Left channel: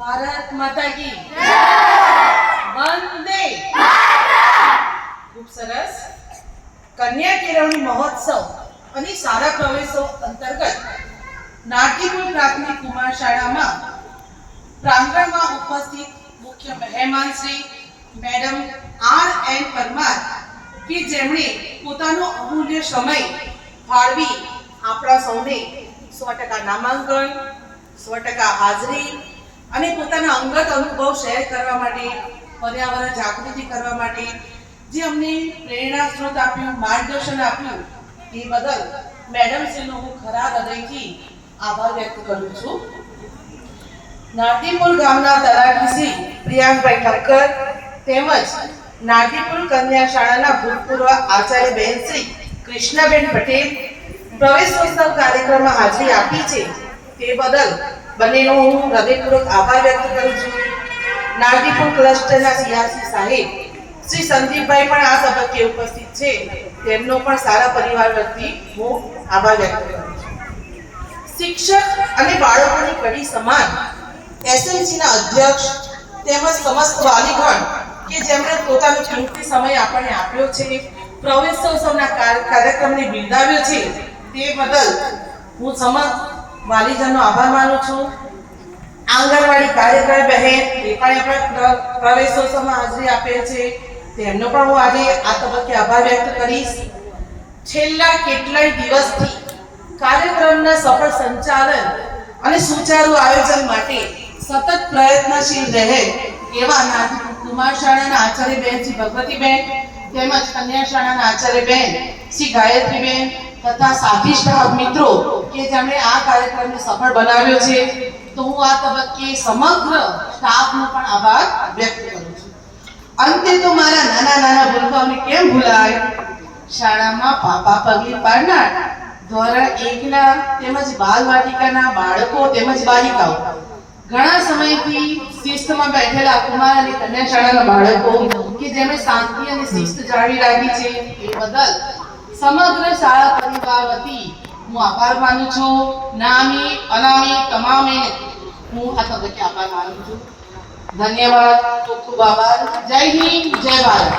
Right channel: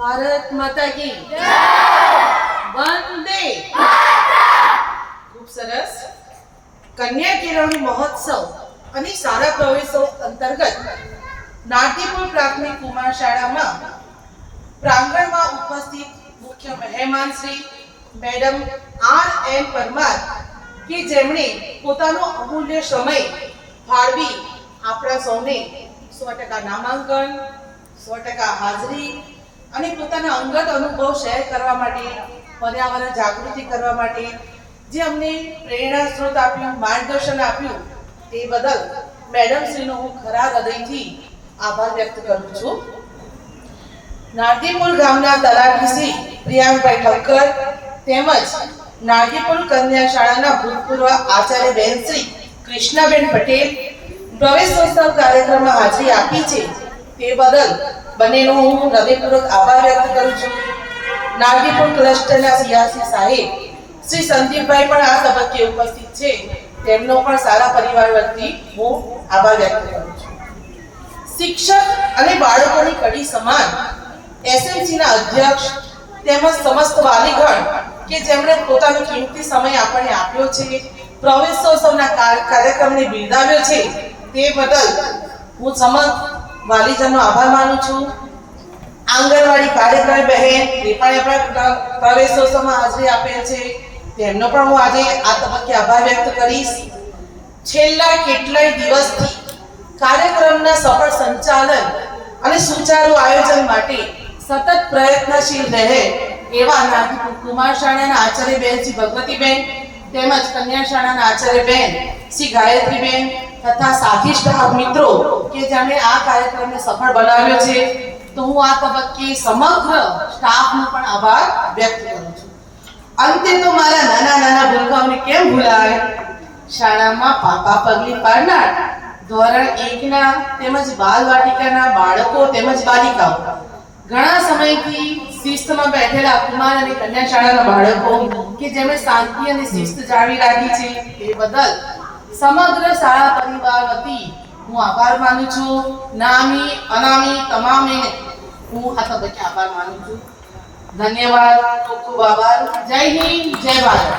भारत माता की वंदे। खूब सरस। कन्या केळवणी महोत्सव અને શાળા પ્રવેશો અંતર્ગત નાટ્યકુલ પ્રાથમિક કુમાર શાળામાં પ્રાંગણમાં ઉપસ્થિત મુખ્ય મહેમાન શ્રી મેડમ R.N. પરમાર કે જેમણે પોતાનો અમૂલ્ય સમય ફાળવી આપણા સૌને 100% નામાંકન 100% હાજરી અને પોતાના અંગત અનુભવ શેર કરવા માટે, પર્યાવરણ જાગૃતિ કરવા માટે જે અમને પ્રેરણા સ્ત્રોત આપ્યું, માર્ગદર્શન આપ્યું તે બદલ મેડમ શ્રીનો હું ખરા હૃદયથી આભાર વ્યક્ત કરું છું. નારદીપુર ગામના તલાટી શ્રી પ્રિયાંકભાઈ ઠક્કર તેમજ નારદીપુર કન્યા શાળાના ભૂતપૂર્વ આચાર્ય બહેન શ્રી કૃષ્ણાબેન પટેલ પ્રવેશોત્સવ કાર્યક્રમમાં હાજરી આપી છે તે બદલ બંનેનો હું હૃદયપૂર્વક આભાર વ્યક્ત કરું છું. નારદીપુર ક્લસ્ટરના સિયાસી સાહેબ શ્રી સંદીપભાઈ પણ આ તબક્કે ઉપસ્થિત છે, તેમનો પણ સારા પરિવાર વતી હું આભાર વ્યક્ત કરું છું. શિક્ષક અને બાળકોની કડી સમાન એસએમસીના અધ્યક્ષ તેમજ સમસ્ત વાલીગણ કે જેમણે પોતાનો કિંમતી સમય આપણને આપ્યો છે, પ્રવેશોત્સવના કાર્યક્રમને બિરદાવ્યો છે તે બદલ હું સમસ્ત વાલીજનનો આભાર માનું છું. આંગણવાડી કાર્યકર બહેન એ પણ પ્રવેશોત્સવમાં હાજરી આપેલ છે, તેમનો પણ હું આજે આ તબક્કે આભાર વ્યક્ત કરીશ. છેલ્લા કેટલાય દિવસથી કાર્યક્રમના સફળ સંચાલન અને સુચારુ આયોજન માટે સતત પ્રયત્નશીલ રહે એવા નારદીપુર કુમાર શાળાના આચાર્ય બહેન શ્રી ભગવતીબેન તેમજ કન્યા શાળાના આચાર્ય બહેન શ્રી ગાયત્રીબેન તથા સાથી સ્ટાફ મિત્રો કે જેમણે આ કાર્યક્રમને સફળ બનાવ્યો છે, તો હું આ તબક્કે સમગ્ર સ્ટાફનો પણ આભાર વ્યક્ત કરું છું. અંતે તો મારા નાના નાના ભૂલકાઓને કેમ ભૂલાય, શાળામાં પાપા પગલી પાડનાર ધોરણ 1 ના તેમજ બાલવાટિકાના બાળકો તેમજ બાલિકાઓ, ઘણા સમયથી શિસ્તમાં બેઠેલા કુમાર અને કન્યા શાળાના બાળકો કે જેમણે શાંતિ અને શિસ્ત જાળવી રાખી છે તે બદલ સમગ્ર શાળા પરિવાર વતી હું આભાર માનું છું. નામી અનામી તમામે હું આ તબક્કે આભાર માનું છું. ધન્યવાદ, ખૂબ ખૂબ આભાર. જય હિન્દ, જય ભારત.